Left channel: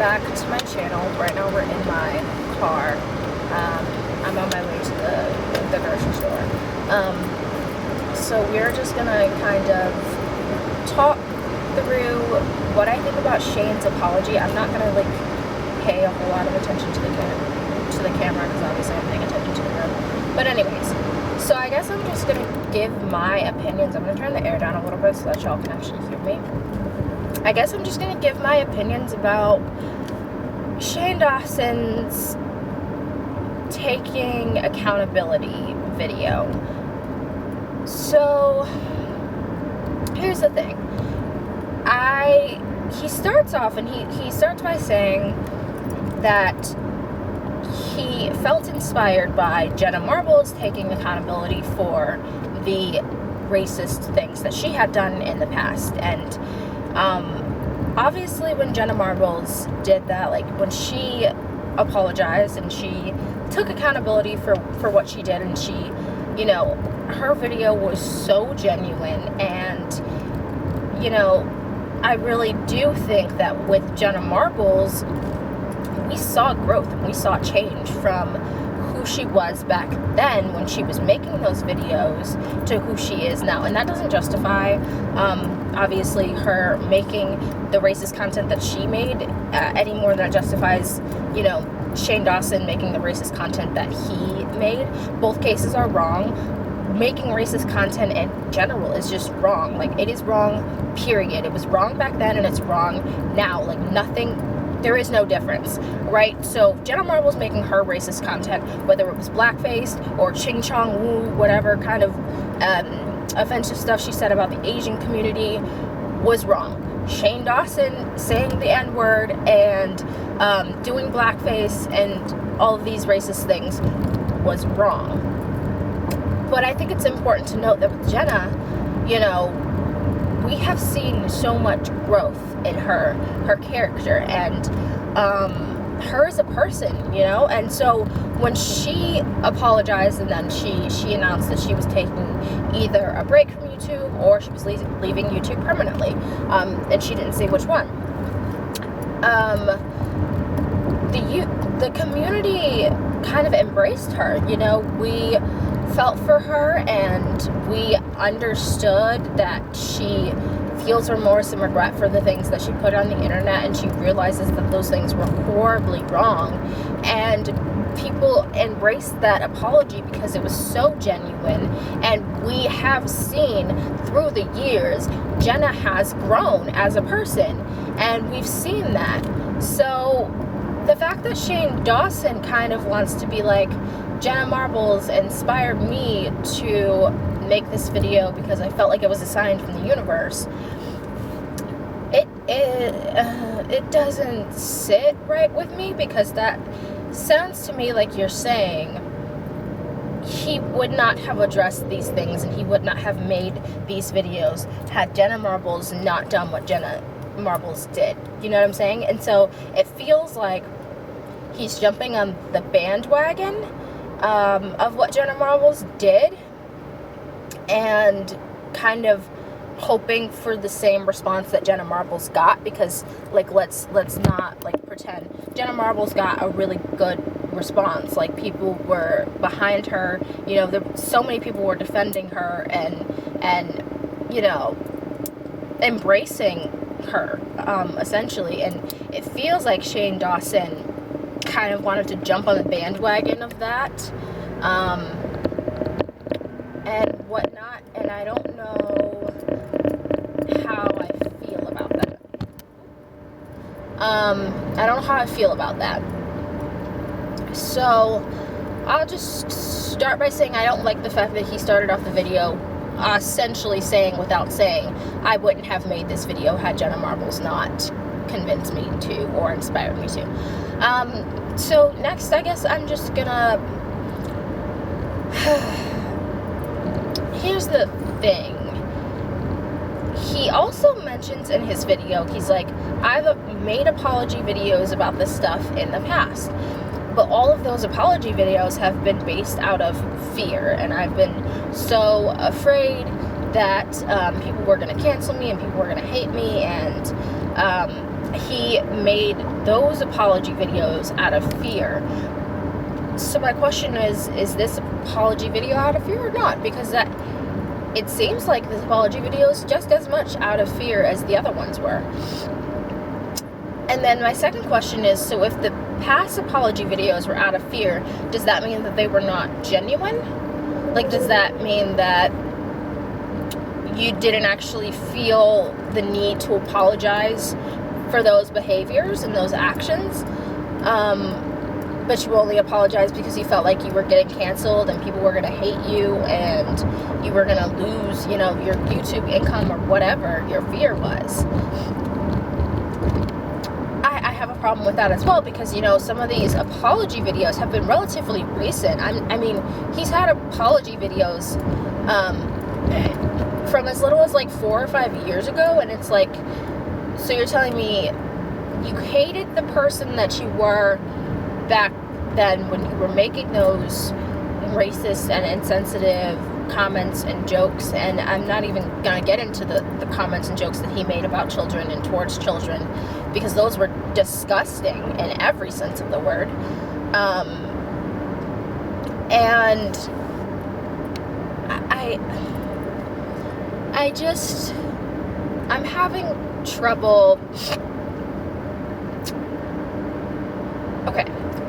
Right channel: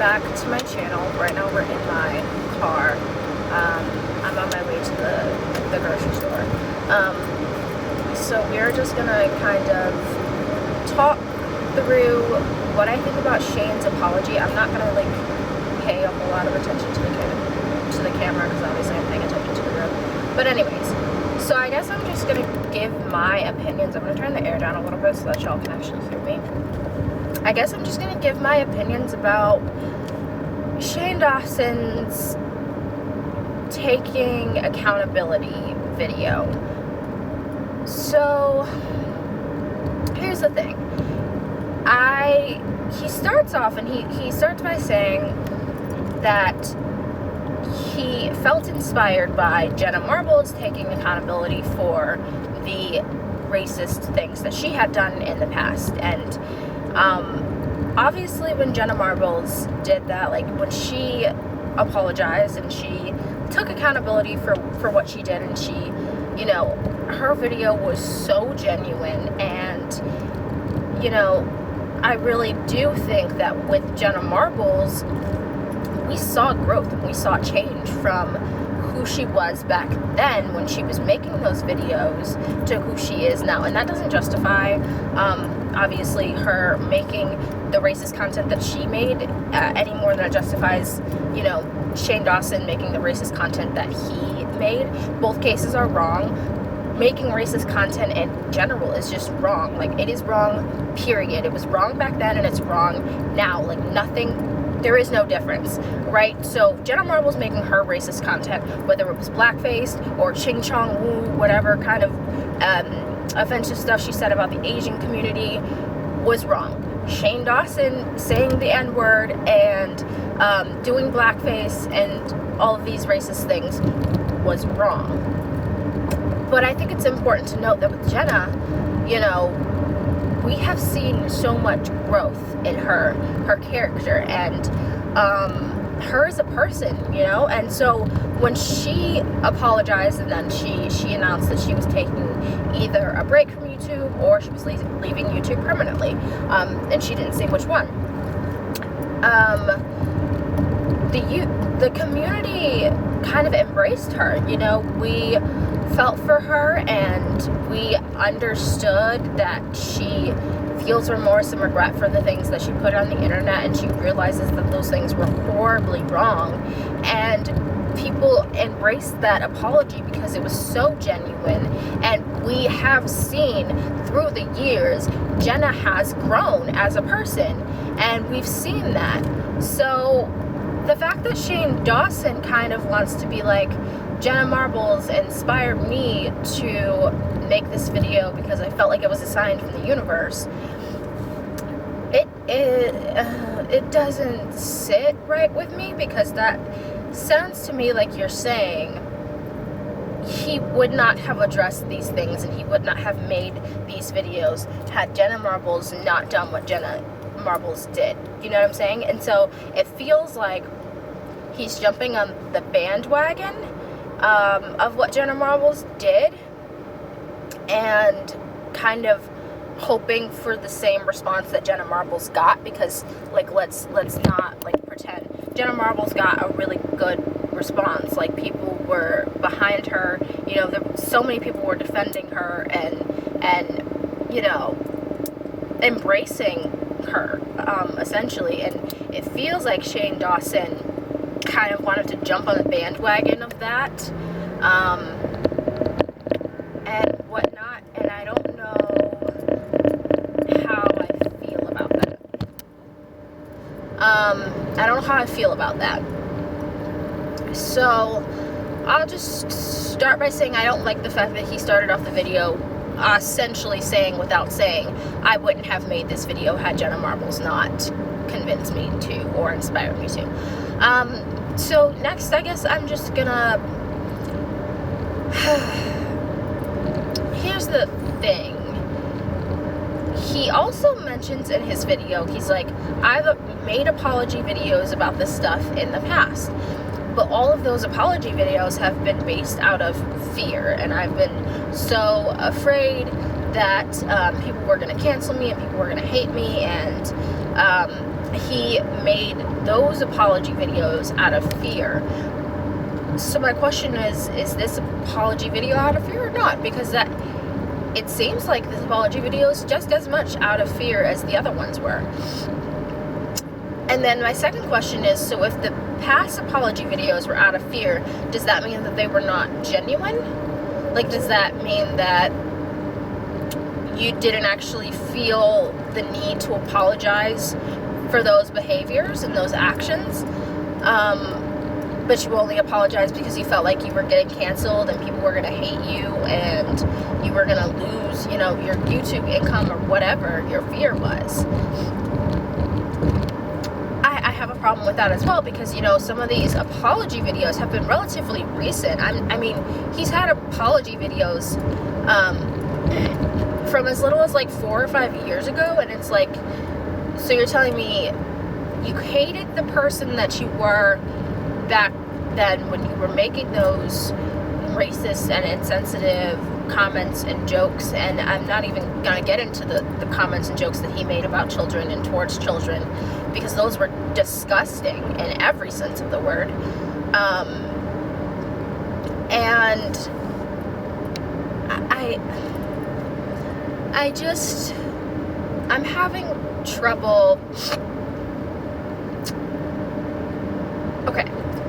back to my channel. Right now we're in my car. I'm on my way to the grocery store. So we're just gonna kind of talk through what I think about Shane's apology. I'm not gonna like pay a whole lot of attention to the camera because obviously I'm paying attention to you. But anyways, so I guess I'm just gonna give my opinions. I'm gonna turn the air down a little bit so that y'all can actually hear me. I guess I'm just gonna give my opinions about Shane Dawson's taking accountability video. So here's the thing. He starts off and he starts by saying that he felt inspired by Jenna Marbles taking accountability for the racist things that she had done in the past. And obviously when Jenna Marbles did that, like when she apologized and she took accountability for what she did, and she, you know, her video was so genuine, and, you know, I really do think that with Jenna Marbles, we saw growth, we saw change from who she was back then when she was making those videos to who she is now. And that doesn't justify, obviously, her making the racist content that she made any more than it justifies, you know, Shane Dawson making the racist content that he made. Both cases are wrong. Making racist content in general is just wrong. Like, it is wrong, period. It was wrong back then and it's wrong now. Like, nothing, there is no difference, right? So Jenna Marbles making her racist content, whether it was blackface or ching chong woo, whatever kind of offensive stuff she said about the Asian community, was wrong. Shane Dawson saying the N-word and doing blackface and all of these racist things was wrong. But I think it's important to note that with Jenna, you know, we have seen so much growth in her character and her as a person, you know. And so when she apologized and then she announced that she was taking either a break from YouTube or she was leaving YouTube permanently, and she didn't say which one. The community kind of embraced her, you know. We felt for her and we understood that she feels remorse and regret for the things that she put on the internet, and she realizes that those things were horribly wrong, and people embraced that apology because it was so genuine. And we have seen through the years Jenna has grown as a person, and we've seen that. So the fact that Shane Dawson kind of wants to be like, Jenna Marbles inspired me to make this video because I felt like it was a sign from the universe, it doesn't sit right with me, because that sounds to me like you're saying he would not have addressed these things and he would not have made these videos had Jenna Marbles not done what Jenna Marbles did. You know what I'm saying? And so it feels like he's jumping on the bandwagon of what Jenna Marbles did and kind of hoping for the same response that Jenna Marbles got, because like let's not like pretend Jenna Marbles got a really good response. Like, people were behind her, you know, so many people were defending her and you know, embracing her essentially. And it feels like Shane Dawson kind of wanted to jump on the bandwagon of that and whatnot, and I don't know how I feel about that. I don't know how I feel about that. So I'll just start by saying I don't like the fact that he started off the video essentially saying, without saying, I wouldn't have made this video had Jenna Marbles not convinced me to or inspired me to. So next, I guess I'm just gonna here's the thing. He also mentions in his video, he's like, I've made apology videos about this stuff in the past, but all of those apology videos have been based out of fear, and I've been so afraid that people were going to cancel me and people were going to hate me, and he made those apology videos out of fear. So my question is this apology video out of fear or not? Because that, it seems like this apology video is just as much out of fear as the other ones were. And then my second question is, so if the past apology videos were out of fear, does that mean that they were not genuine? Like, does that mean that you didn't actually feel the need to apologize for those behaviors and those actions? But you only apologized because you felt like you were getting canceled and people were going to hate you and you were going to lose, you know, your YouTube income or whatever your fear was. I have a problem with that as well, because, you know, some of these apology videos have been relatively recent. I mean, he's had apology videos from as little as like 4 or 5 years ago, and it's like, so you're telling me you hated the person that you were back then when you were making those racist and insensitive comments and jokes, and I'm not even going to get into the comments and jokes that he made about children and towards children, because those were disgusting in every sense of the word. And I'm having trouble. Okay,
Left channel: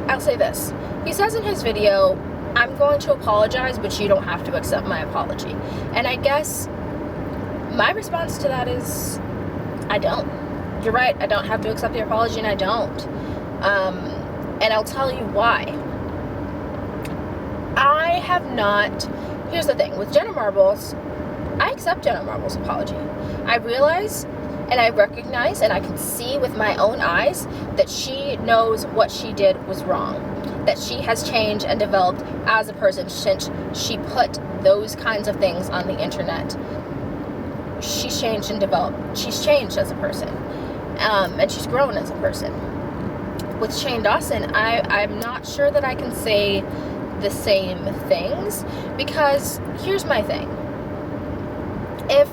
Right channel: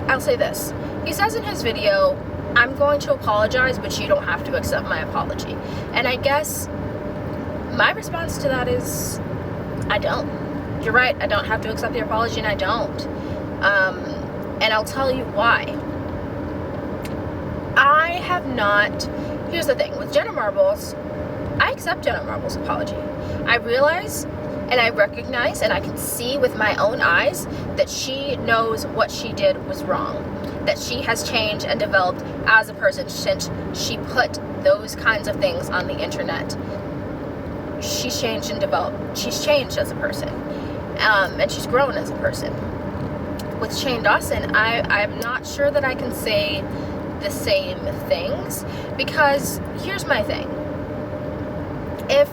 I'll say this. He says in his video, I'm going to apologize, but you don't have to accept my apology. And I guess my response to that is, I don't. You're right, I don't have to accept your apology, and I don't. And I'll tell you why. I have not... Here's the thing. With Jenna Marbles, I accept Jenna Marbles' apology. I realize, and I recognize, and I can see with my own eyes that she knows what she did was wrong. That she has changed and developed as a person since she put those kinds of things on the internet. She's changed and developed. She's changed as a person. And she's grown as a person. With Shane Dawson, I'm not sure that I can say the same things, because here's my thing. If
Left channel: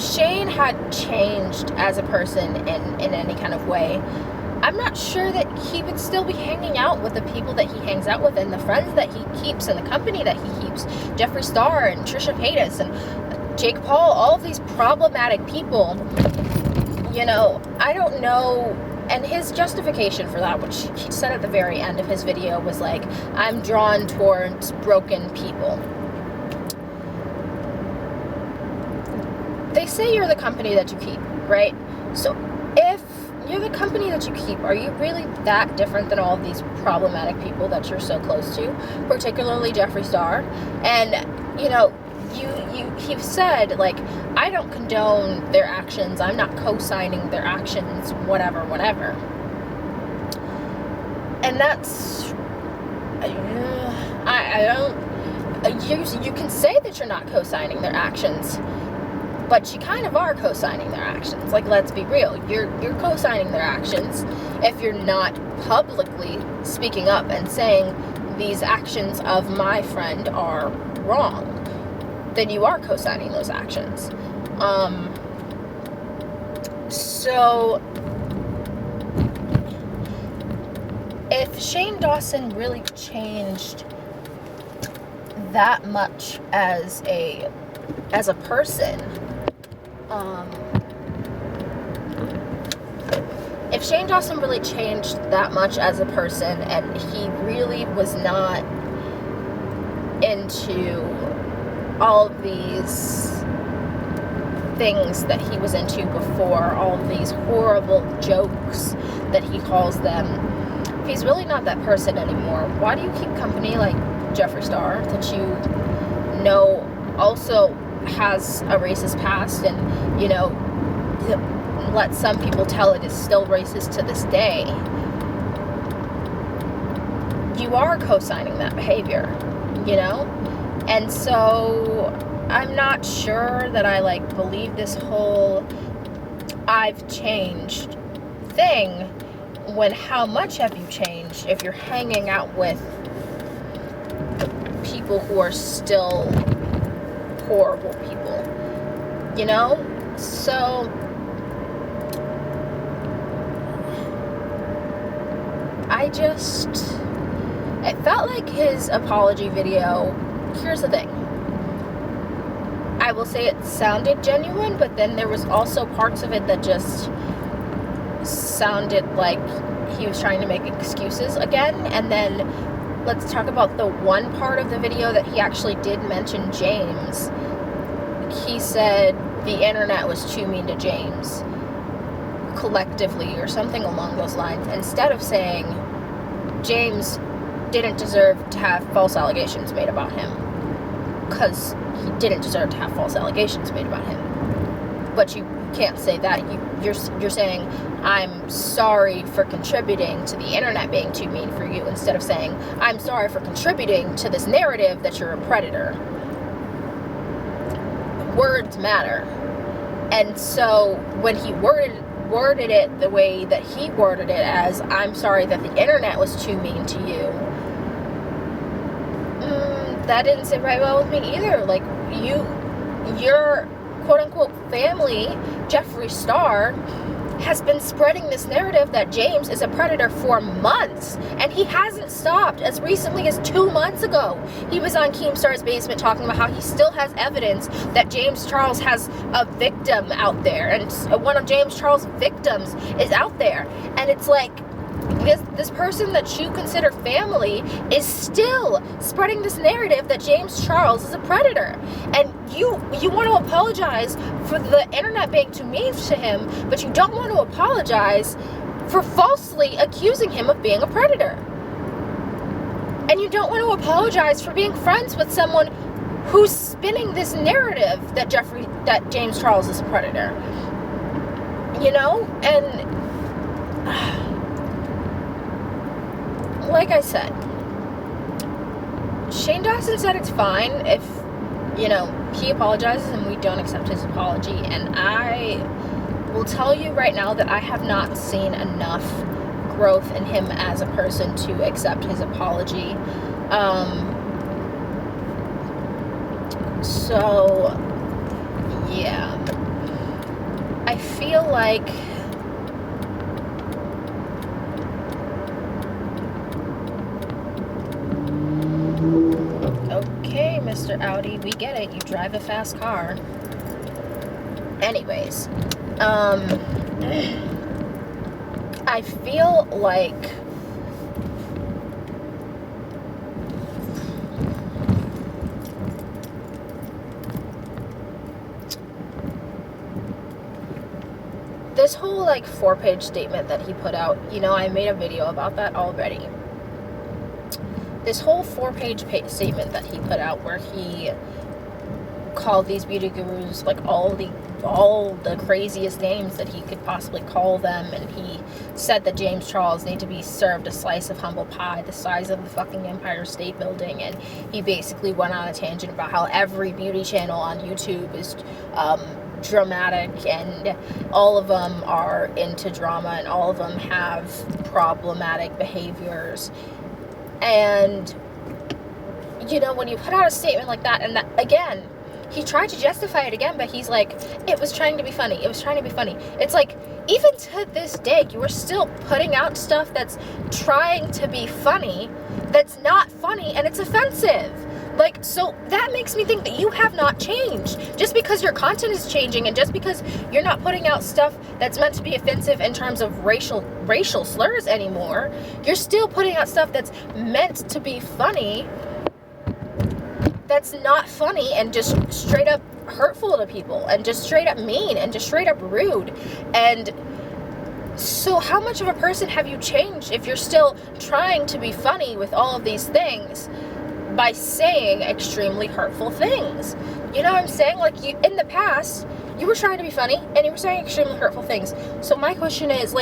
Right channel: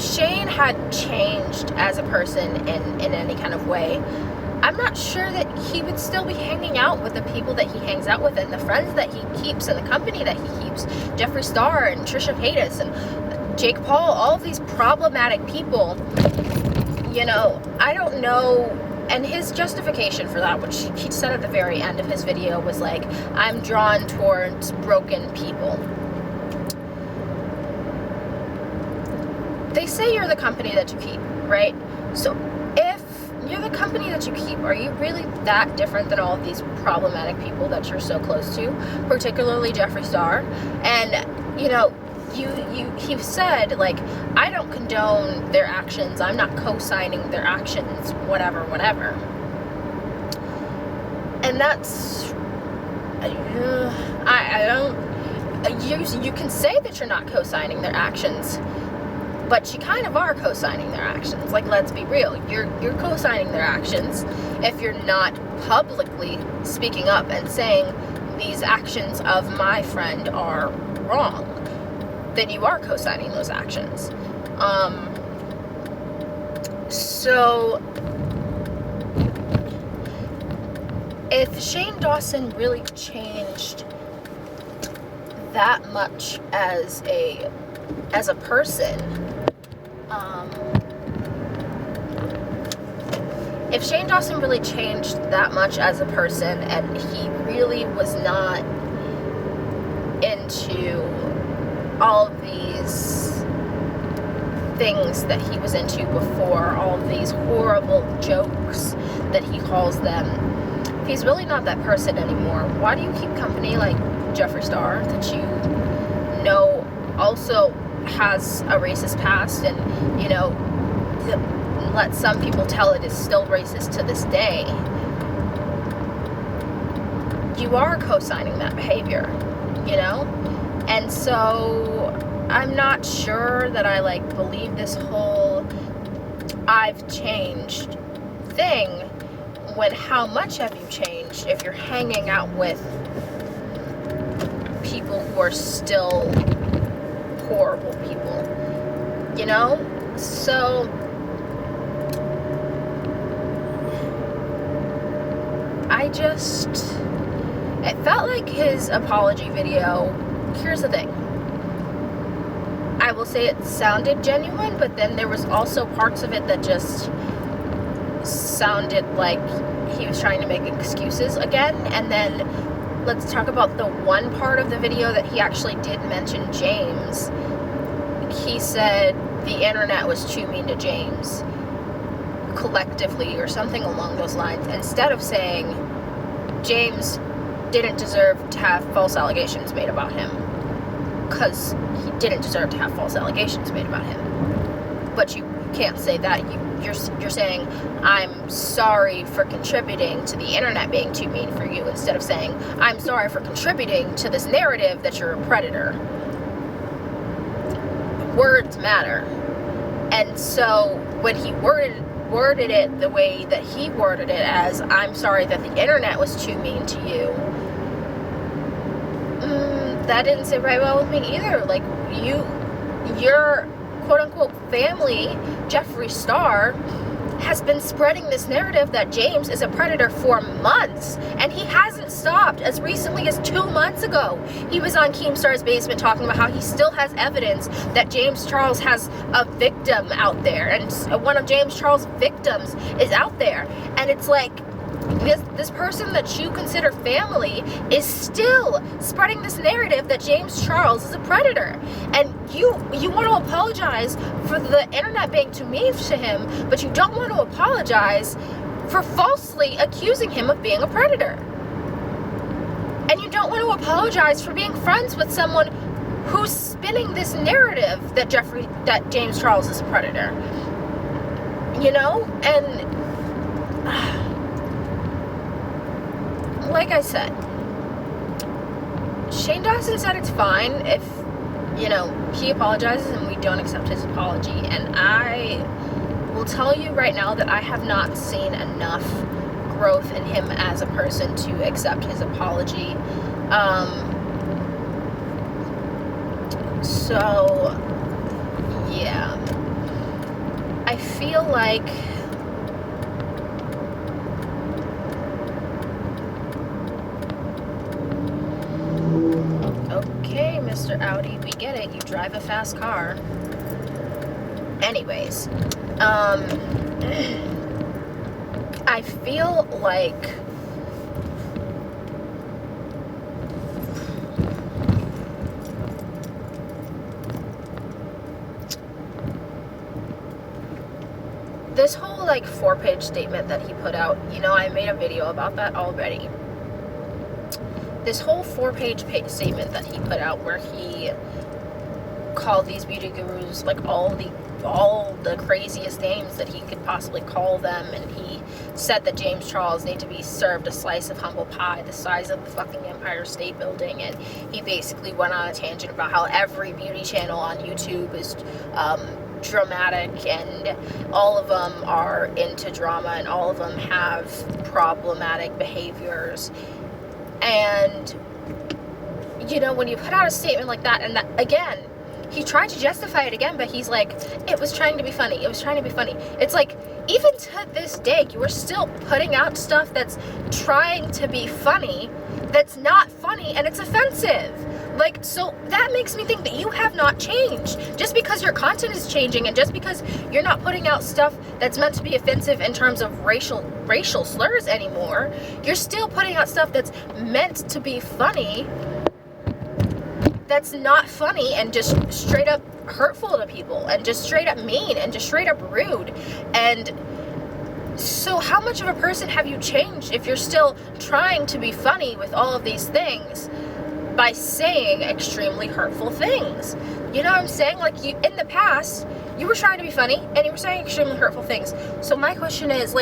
Shane had changed as a person in any kind of way, I'm not sure that he would still be hanging out with the people that he hangs out with and the friends that he keeps and the company that he keeps. Jeffree Star and Trisha Paytas and Jake Paul, all of these problematic people. You know, I don't know. And his justification for that, which he said at the very end of his video, was like, I'm drawn towards broken people. They say you're the company that you keep, right? So if you're the company that you keep, are you really that different than all of these problematic people that you're so close to, particularly Jeffree Star? And, you know, he said, like, I don't condone their actions, I'm not co-signing their actions, whatever. And that's, I don't, you can say that you're not co-signing their actions, but you kind of are co-signing their actions. Like, let's be real, you're co-signing their actions if you're not publicly speaking up and saying these actions of my friend are wrong. Then you are co-signing those actions. So if Shane Dawson really changed that much as a person, if Shane Dawson really changed that much as a person, and he really was not into all of these things that he was into before, all of these horrible jokes that he calls them, if he's really not that person anymore, why do you keep company like Jeffree Star, that you know also has a racist past, and, you know, let some people tell it is still racist to this day? You are co-signing that behavior, you know? And so I'm not sure that I, like, believe this whole I've changed thing, when how much have you changed if you're hanging out with people who are still horrible people, you know? So it felt like his apology video, here's the thing. I will say it sounded genuine, but then there was also parts of it that just sounded like he was trying to make excuses again. And then let's talk about the one part of the video that he actually did mention James. He said the internet was too mean to James collectively or something along those lines, instead of saying James didn't deserve to have false allegations made about him, because he didn't deserve to have false allegations made about him. But you can't say that. You're saying, I'm sorry for contributing to the internet being too mean for you, instead of saying, I'm sorry for contributing to this narrative that you're a predator. Words matter. And so when he worded it the way that he worded it, as, I'm sorry that the internet was too mean to you, that didn't sit right well with me either. Like, your quote-unquote family, Jeffree Star, has been spreading this narrative that James is a predator for months, and he hasn't stopped. As recently as 2 months ago, he was on Keemstar's Basement talking about how he still has evidence that James Charles has a victim out there, and one of James Charles' victims is out there. And it's like, this person that you consider family is still spreading this narrative that James Charles is a predator. And you want to apologize for the internet being too mean to him, but you don't want to apologize for falsely accusing him of being a predator. And you don't want to apologize for being friends with someone who's spinning this narrative that James Charles is a predator. You know? And like I said, Shane Dawson said it's fine if, he apologizes and we don't accept his apology. And I will tell you right now that I have not seen enough growth in him as a person to accept his apology. So, yeah. I feel like Mr. Audi, we get it. You drive a fast car. Anyways, I feel like this whole 4-page statement that he put out, I made a video about that already. This whole 4-page statement that he put out, where he called these beauty gurus all the craziest names that he could possibly call them, and he said that James Charles needed to be served a slice of humble pie the size of the fucking Empire State Building, and he basically went on a tangent about how every beauty channel on YouTube is dramatic, and all of them are into drama, and all of them have problematic behaviors. And, when you put out a statement like that, and that, again, he tried to justify it again, but he's like, it was trying to be funny. It was trying to be funny. It's like, even to this day, you are still putting out stuff that's trying to be funny, that's not funny, and it's offensive. So that makes me think that you have not changed. Just because your content is changing, and just because you're not putting out stuff that's meant to be offensive in terms of racial slurs anymore, you're still putting out stuff that's meant to be funny, that's not funny, and just straight up hurtful to people, and just straight up mean, and just straight up rude. And so how much of a person have you changed if you're still trying to be funny with all of these things by saying extremely hurtful things? You know what I'm saying? In the past, you were trying to be funny, and you were saying extremely hurtful things. So my question is,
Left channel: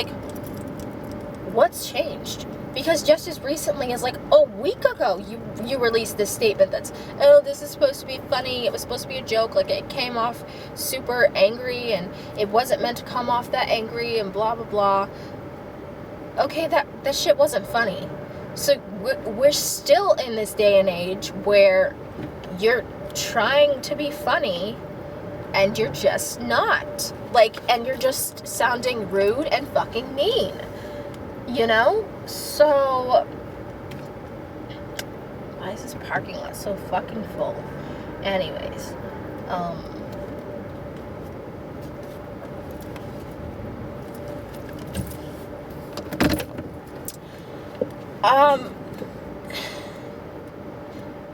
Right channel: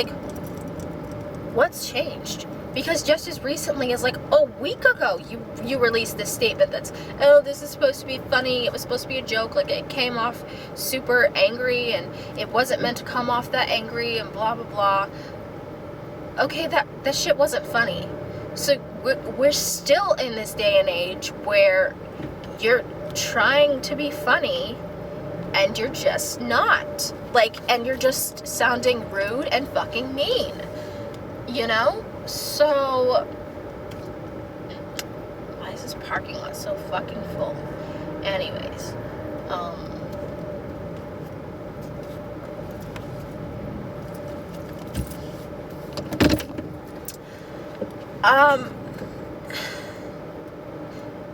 what's changed? Because just as recently as a week ago, you released this statement that's, this is supposed to be funny, it was supposed to be a joke, it came off super angry, and it wasn't meant to come off that angry, and blah blah blah. Okay, that shit wasn't funny. So we're still in this day and age where you're trying to be funny, and you're just not. And you're just sounding rude and fucking mean. You know? So, why is this parking lot so fucking full? Anyways,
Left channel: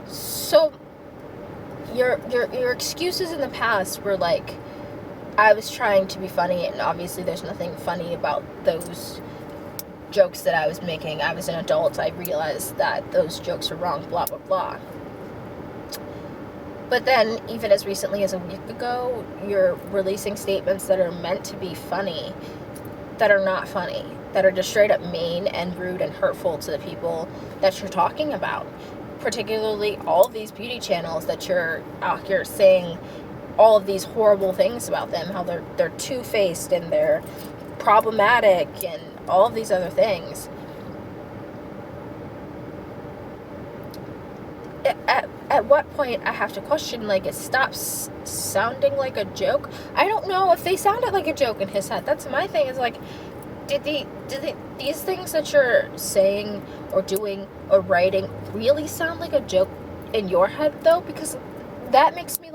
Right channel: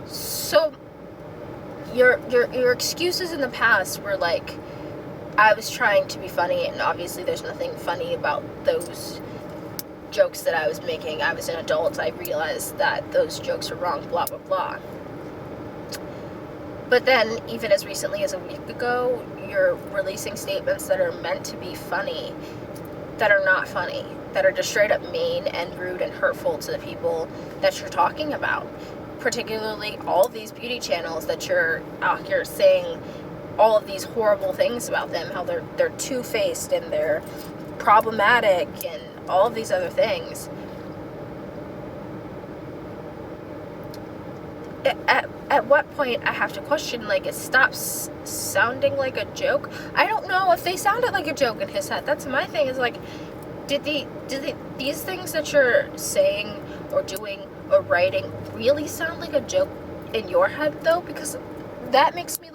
so your excuses in the past were like, I was trying to be funny, and obviously there's nothing funny about those jokes that I was making. I was an adult. I realized that those jokes are wrong, blah, blah, blah. But then, even as recently as a week ago, you're releasing statements that are meant to be funny, that are not funny, that are just straight up mean and rude and hurtful to the people that you're talking about. Particularly all of these beauty channels that you're out here saying all of these horrible things about them, how they're two-faced and they're problematic and all of these other things. At what point I have to question, like, it stops sounding like a joke? I don't know if they sounded like a joke in his head. That's my thing, is like, did these things that you're saying or doing or writing really sound like a joke in your head, though? Because that makes me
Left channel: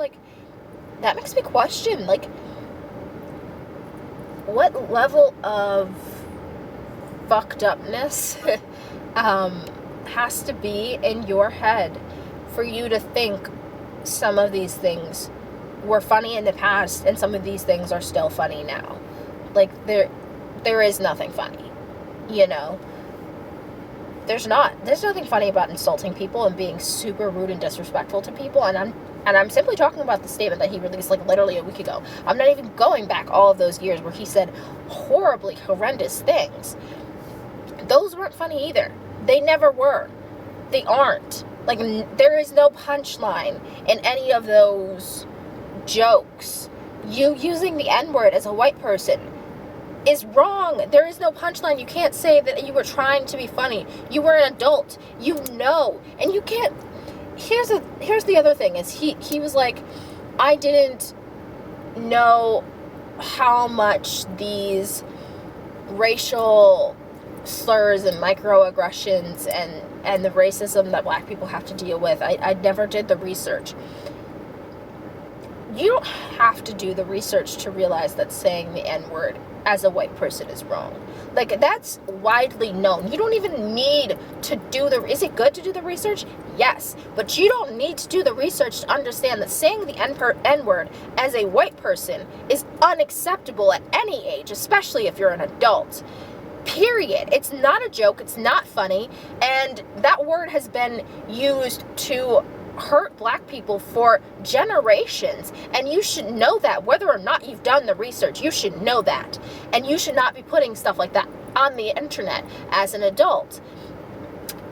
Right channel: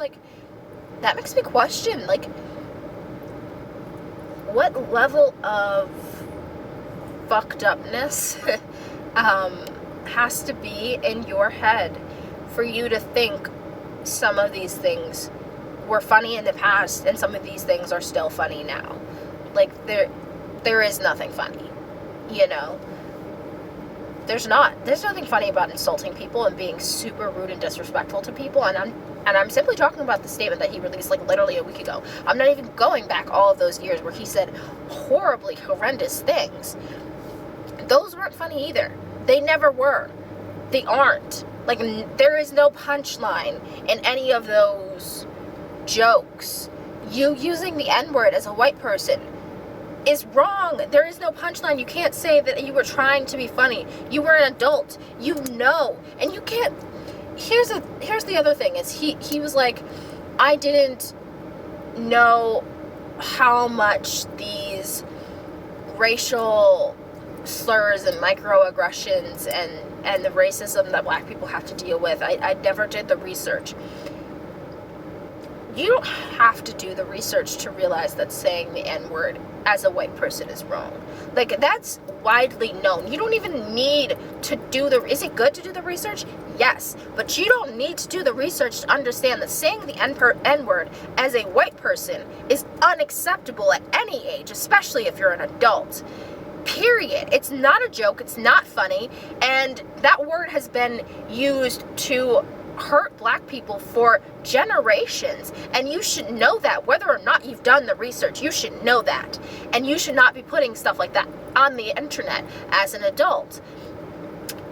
question, like, what level of fucked upness has to be in your head for you to think some of these things were funny in the past and some of these things are still funny now. Like, there is nothing funny, you know? There's nothing funny about insulting people and being super rude and disrespectful to people, and I'm simply talking about the statement that he released, like, literally a week ago. I'm not even going back all of those years where he said horribly horrendous things. Those weren't funny either. They never were. They aren't. Like, there is no punchline in any of those jokes. You using the N-word as a white person is wrong. There is no punchline. You can't say that you were trying to be funny. You were an adult. You know. And you can't... Here's the other thing, is he was like, I didn't know how much these racial slurs and microaggressions and the racism that black people have to deal with. I never did the research. You don't have to do the research to realize that saying the N-word as a white person is wrong. Like, that's widely known. You don't even need to do is it good to do the research? Yes. But you don't need to do the research to understand that saying the N-word as a white person is unacceptable at any age, especially if you're an adult. Period. It's not a joke. It's not funny. And that word has been used to hurt black people for generations, and you should know that. Whether or not you've done the research, you should know that, and you should not be putting stuff like that on the internet as an adult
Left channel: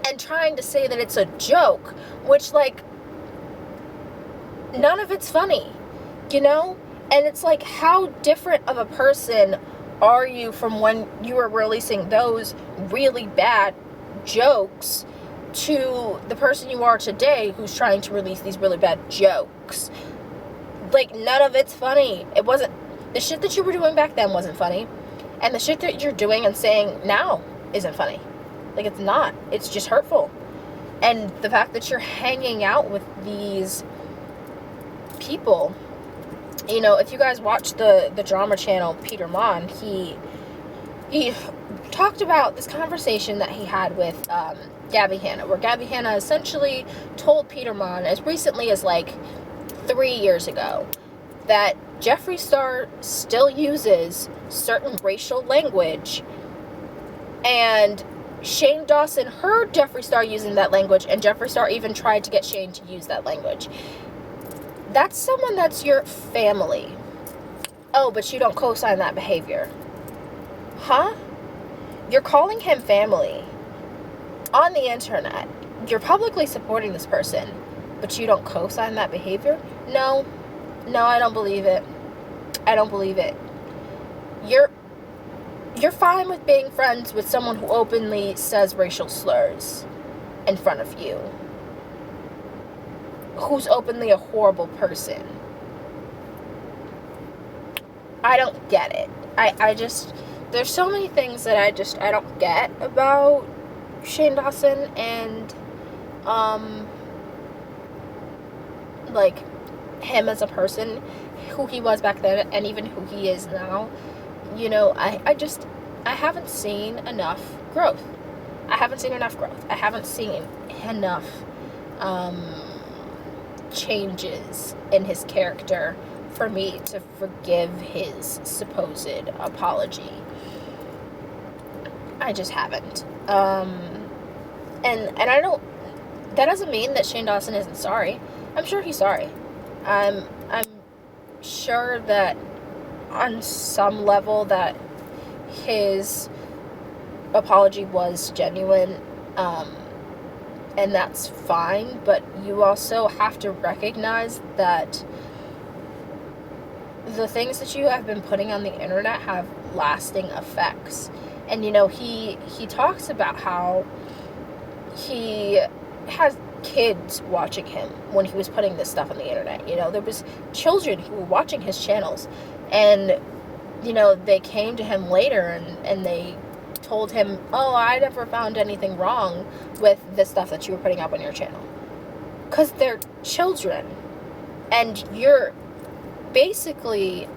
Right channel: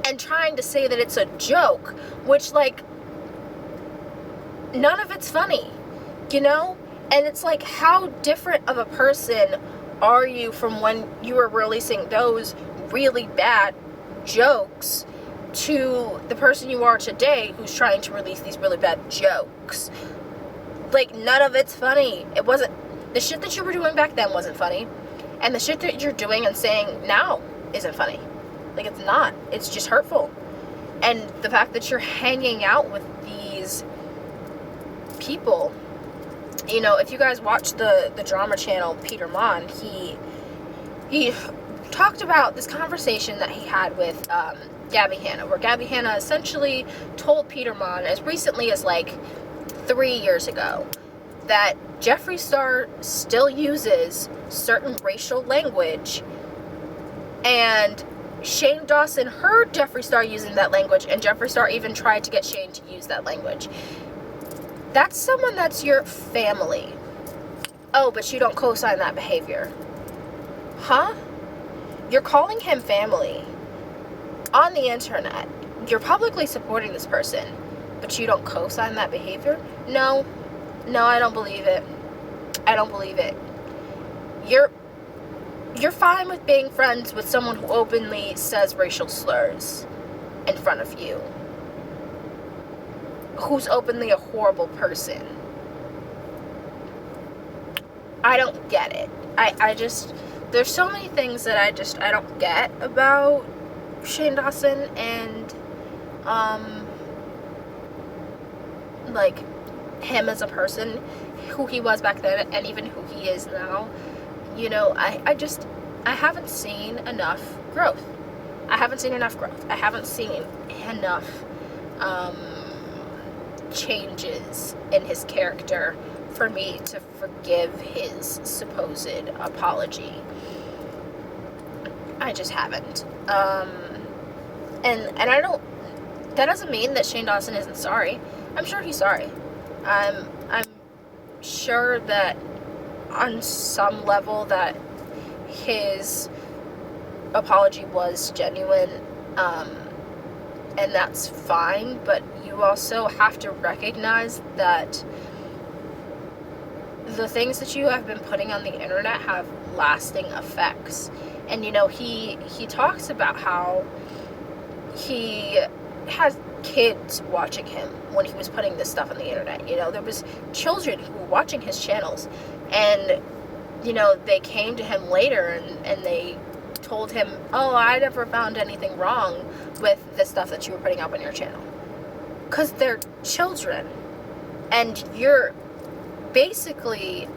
and trying to say that it's a joke, which, like, none of it's funny, you know? And it's like, how different of a person are you from when you were releasing those really bad jokes to the person you are today who's trying to release these really bad jokes? Like, none of it's funny. It wasn't. The shit that you were doing back then wasn't funny, and the shit that you're doing and saying now isn't funny. Like, it's not. It's just hurtful. And the fact that you're hanging out with these people, you know, if you guys watch the drama channel Peter Mon, he talked about this conversation that he had with Gabby Hanna, where Gabby Hanna essentially told Peter Mon, as recently as like 3 years ago, that Jeffree Star still uses certain racial language, and Shane Dawson heard Jeffree Star using that language, and Jeffree Star even tried to get Shane to use that language. That's someone that's your family. Oh, but you don't co-sign that behavior. Huh? You're calling him family on the internet. You're publicly supporting this person, but you don't co-sign that behavior? No, I don't believe it. I don't believe it. You're fine with being friends with someone who openly says racial slurs in front of you, who's openly a horrible person. I don't get it. I just, there's so many things that I don't get about Shane Dawson and, like, him as a person, who he was back then, and even who he is now. You know, I haven't seen enough growth. I haven't seen enough growth. I haven't seen enough, changes in his character for me to forgive his supposed apology. I just haven't. And I don't, that doesn't mean that Shane Dawson isn't sorry. I'm sure he's sorry. I'm sure that on some level that his apology was genuine, and that's fine, but you also have to recognize that the things that you have been putting on the internet have lasting effects. And, you know, he talks about how he has kids watching him when he was putting this stuff on the internet. You know, there was children who were watching his channels, and, you know, they came to him later and they told him, oh, I never found anything wrong with the stuff that you were putting up on your channel. Because they're children, and you're basically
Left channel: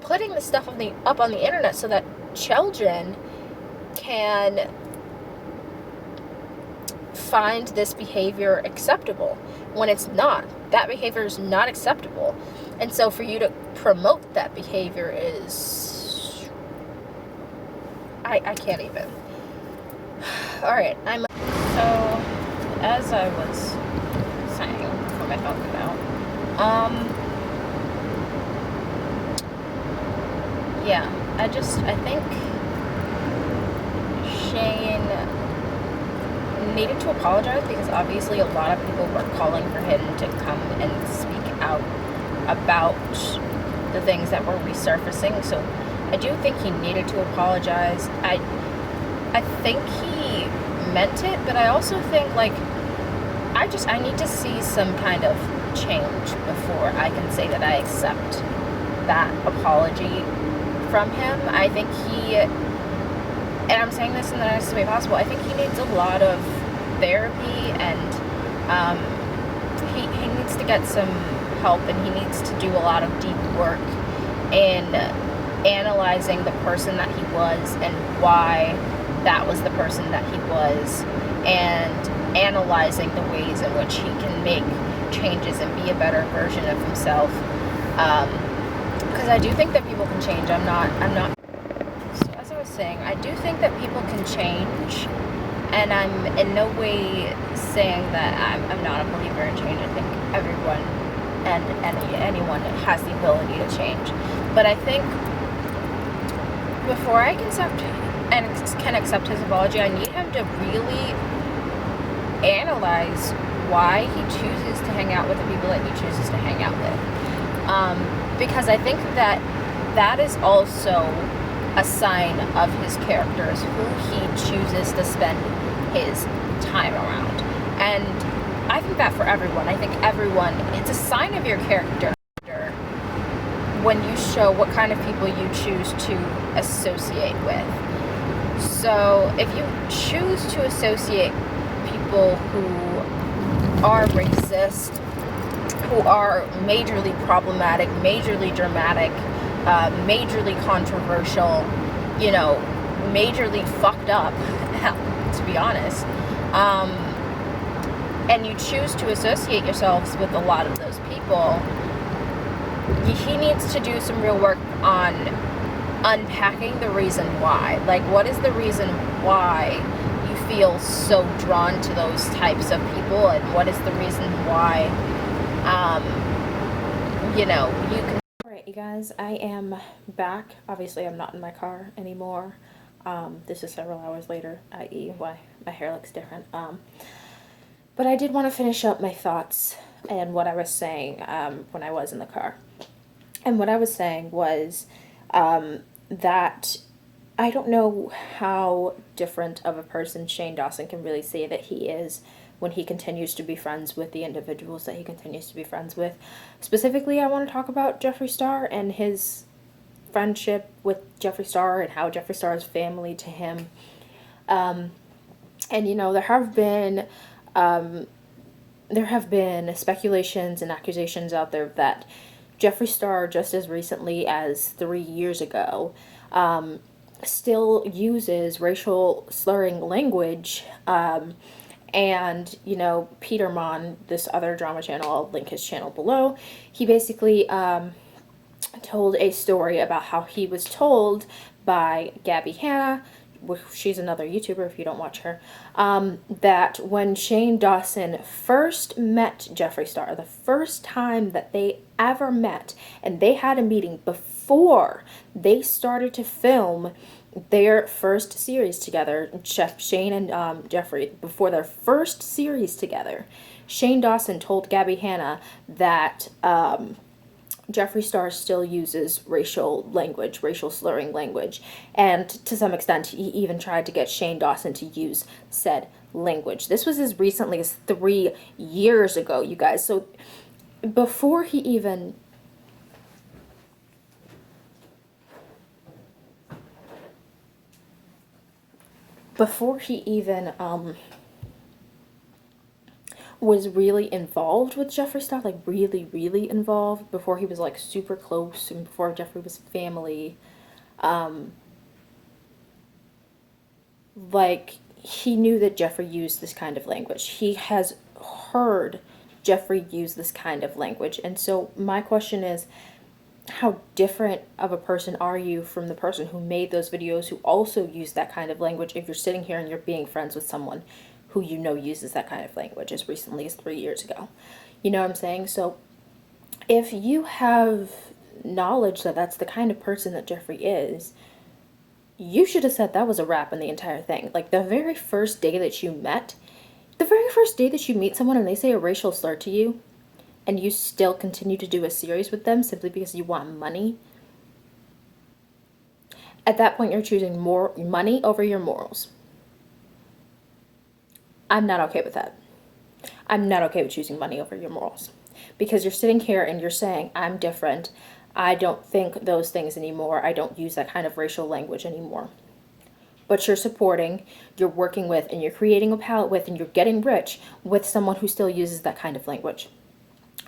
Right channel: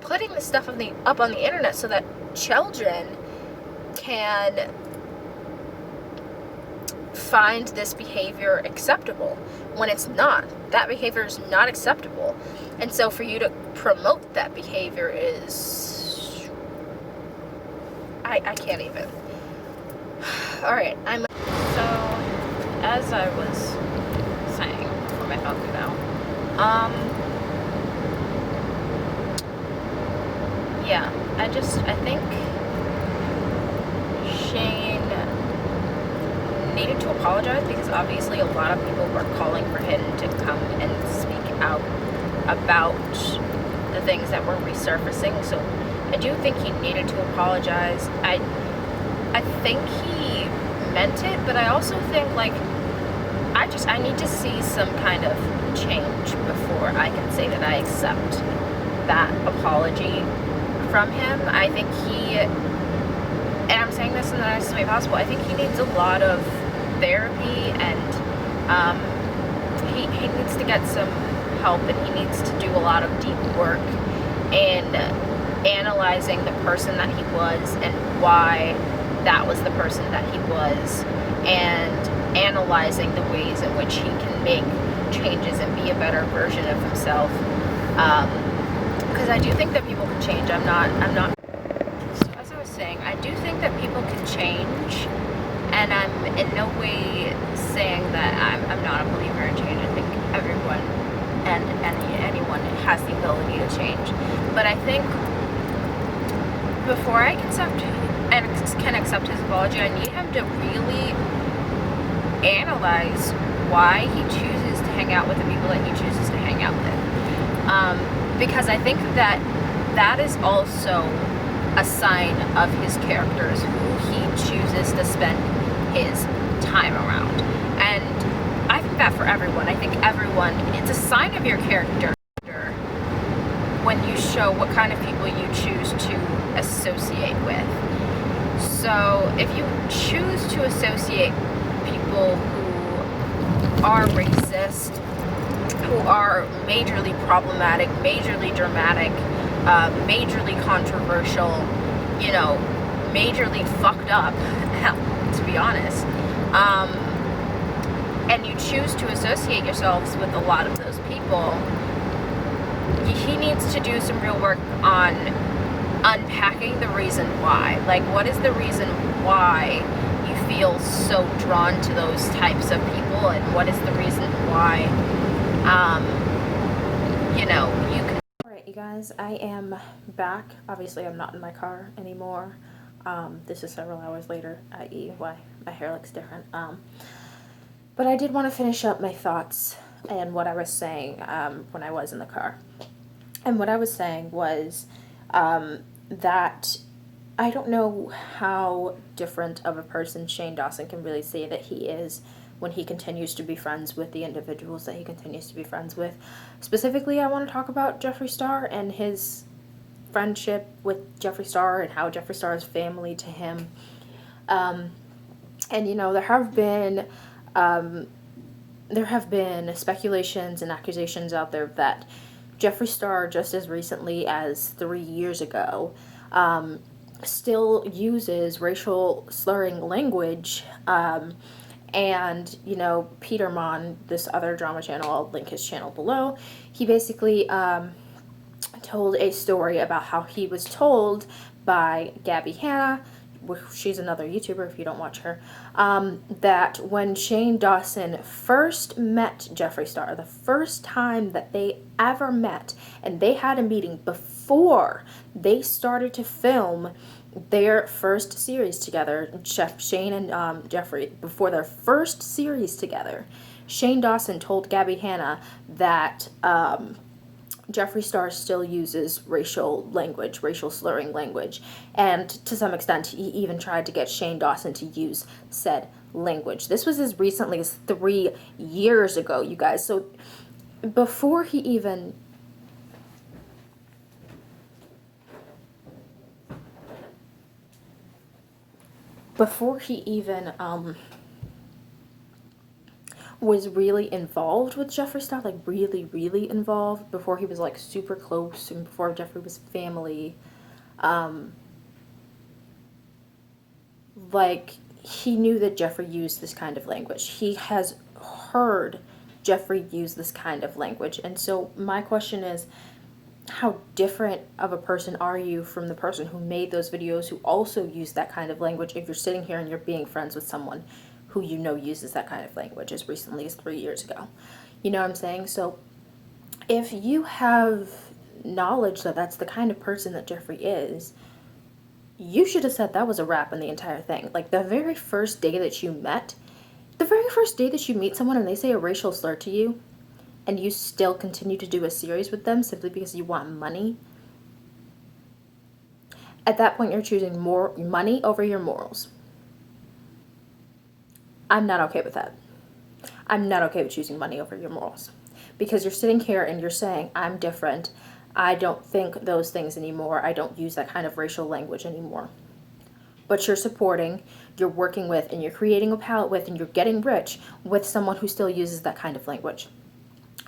putting the stuff up on the internet so that children can find this behavior acceptable when it's not. That behavior is not acceptable. And so for you to promote that behavior is... I can't even. Alright, so, as I was saying before my thought came out, yeah, I think Shane needed to apologize, because obviously a lot of people were calling for him to come and speak out about the things that were resurfacing. So I do think he needed to apologize. I think he meant it, but I also think, like, I need to see some kind of change before I can say that I accept that apology from him. I think and I'm saying this in the nicest way possible, I think he needs a lot of therapy, and he needs to get some help, and he needs to do a lot of deep work in analyzing the person that he was and why that was the person that he was, and analyzing the ways in which he can make changes and be a better version of himself. Because I do think that people can change. I'm not, so as I was saying, I do think that people can change, and I'm in no way saying that I'm not a believer in change. I think everyone and anyone has the ability to change. But I think before I can accept his apology, I need him to really analyze why he chooses to hang out with the people that he chooses to hang out with. Because I think that is also a sign of his character, is who he chooses to spend his time around. And I think that for everyone. I think it's a sign of your character when you show what kind of people you choose to associate with. So if you choose to associate people who are racist, who are majorly problematic, majorly dramatic, majorly controversial, you know, majorly fucked up, to be honest, and you choose to associate yourselves with a lot of those people, he needs to do some real work on unpacking the reason why. Like, what is the reason why you feel so drawn to those types of people, and what is the reason why, you know, you can... Alright, you guys, I am back. Obviously, I'm not in my car anymore. This is several hours later, i.e. why my hair looks different. But I did want to finish up my thoughts and what I was saying when I was in the car. And what I was saying was that I don't know how different of a person Shane Dawson can really say that he is when he continues to be friends with the individuals that he continues to be friends with. Specifically, I want to talk about Jeffree Star and his friendship with Jeffree Star and how Jeffree Star is family to him. And, you know, there have been speculations and accusations out there that Jeffree Star, just as recently as 3 years ago, still uses racial slurring language. And, you know, Peter Mon, this other drama channel, I'll link his channel below, he basically told a story about how he was told by Gabby Hanna, she's another YouTuber if you don't watch her, that when Shane Dawson first met Jeffree Star, the first time that they ever met, and they had a meeting before they started to film their first series together, Shane and Jeffree, before their first series together, Shane Dawson told Gabby Hanna that Jeffree Star still uses racial language, racial slurring language, and to some extent he even tried to get Shane Dawson to use said language. This was as recently as 3 years ago, you guys. So before he even was really involved with Jeffree Star, like really, really involved, before he was like super close and before Jeffree was family, like he knew that Jeffree used this kind of language. He has heard Jeffree use this kind of language. And so my question is, how different of a person are you from the person who made those videos who also used that kind of language if you're sitting here and you're being friends with someone who you know uses that kind of language as recently as 3 years ago? You know what I'm saying? So if you have knowledge that that's the kind of person that Jeffree is, you should have said that was a wrap on the entire thing. Like the very first day that you met, the very first day that you meet someone and they say a racial slur to you, and you still continue to do a series with them simply because you want money, at that point you're choosing more money over your morals. I'm not okay with that. I'm not okay with choosing money over your morals. Because you're sitting here and you're saying, I'm different. I don't think those things anymore. I don't use that kind of racial language anymore. But you're supporting, you're working with, and you're creating a palette with, and you're getting rich with someone who still uses that kind of language.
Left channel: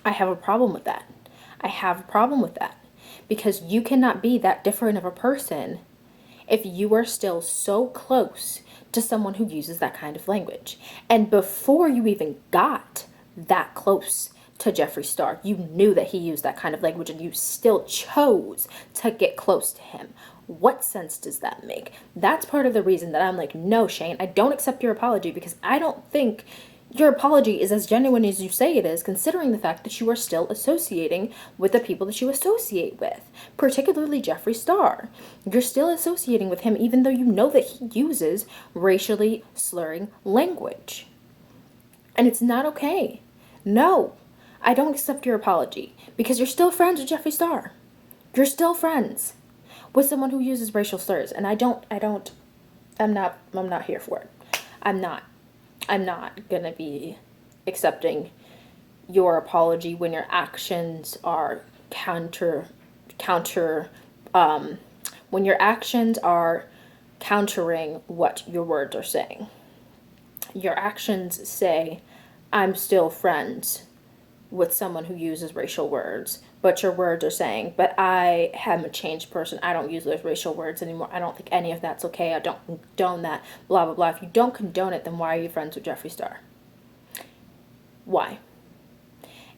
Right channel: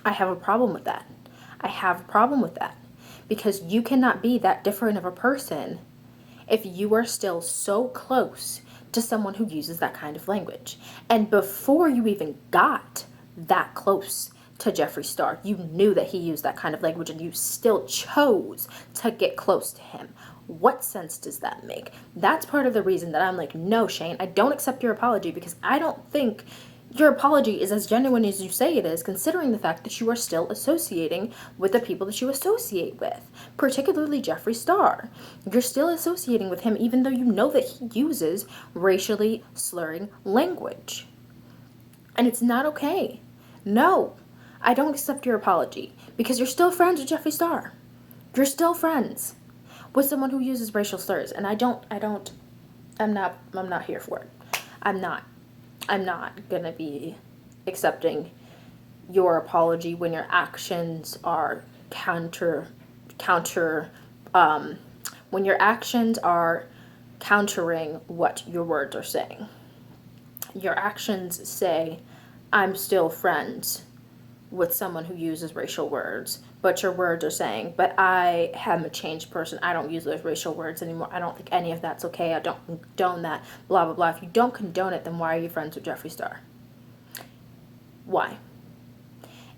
I have a problem with that. I have a problem with that. Because you cannot be that different of a person if you are still so close to someone who uses that kind of language. And before you even got that close to Jeffree Star, you knew that he used that kind of language and you still chose to get close to him. What sense does that make? That's part of the reason that I'm like, no, Shane, I don't accept your apology, because I don't think your apology is as genuine as you say it is, considering the fact that you are still associating with the people that you associate with, particularly Jeffree Star. You're still associating with him even though you know that he uses racially slurring language. And it's not okay. No, I don't accept your apology, because you're still friends with Jeffree Star. You're still friends with someone who uses racial slurs, and I'm not here for it. I'm not gonna be accepting your apology when your actions are when your actions are countering what your words are saying. Your actions say, I'm still friends with someone who uses racial words, but your words are saying, but I am a changed person. I don't use those racial words anymore. I don't think any of that's okay. I don't condone that, blah, blah, blah. If you don't condone it, then why are you friends with Jeffree Star? Why?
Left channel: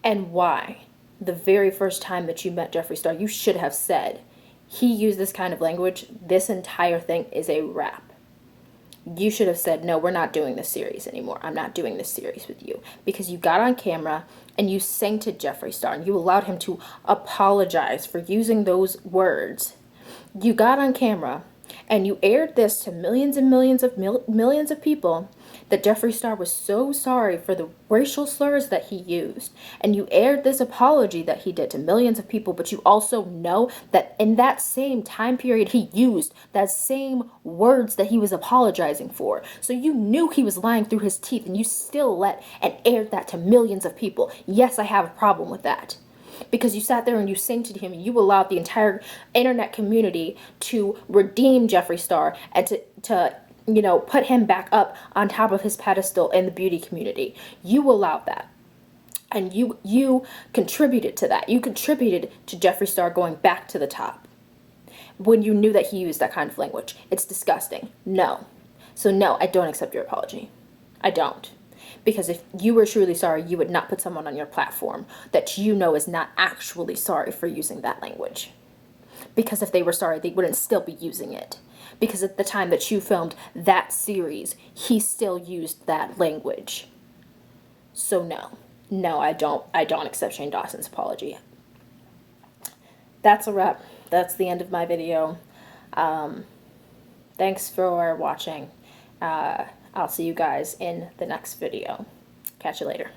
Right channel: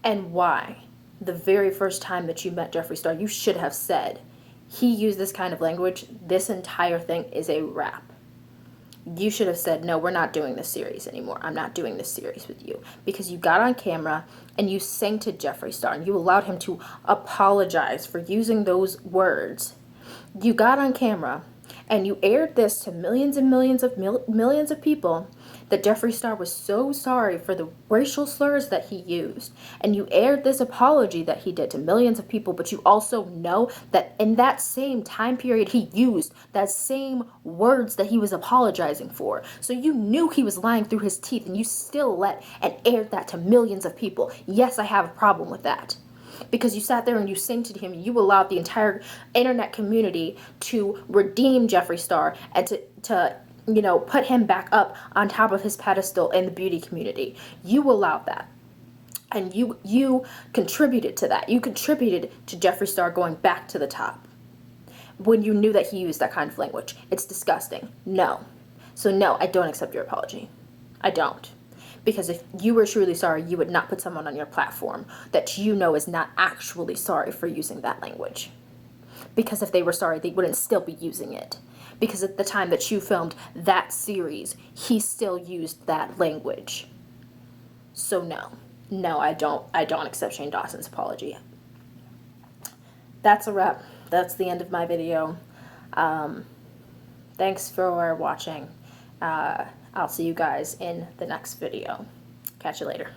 And why, the very first time that you met Jeffree Star, you should have said, he used this kind of language, this entire thing is a wrap. You should have said, no, we're not doing this series anymore. I'm not doing this series with you. Because you got on camera and you sainted Jeffree Star and you allowed him to apologize for using those words. You got on camera and you aired this to millions and millions of people, that Jeffree Star was so sorry for the racial slurs that he used. And you aired this apology that he did to millions of people, but you also know that in that same time period he used that same words that he was apologizing for. So you knew he was lying through his teeth, and you still let and aired that to millions of people. Yes, I have a problem with that. because you sat there and you sanctioned him. You allowed the entire internet community to redeem Jeffree Star and to put him back up on top of his pedestal in the beauty community. You allowed that. And you contributed to that. You contributed to Jeffree Star going back to the top when you knew that he used that kind of language. It's disgusting. No. So no, I don't accept your apology. I don't. Because if you were truly sorry, you would not put someone on your platform that you know is not actually sorry for using that language. Because if they were sorry, they wouldn't still be using it. Because at the time that you filmed that series, he still used that language. So no, I don't accept Shane Dawson's apology. That's a wrap. That's the end of my video. Thanks for watching. I'll see you guys in the next video. Catch you later.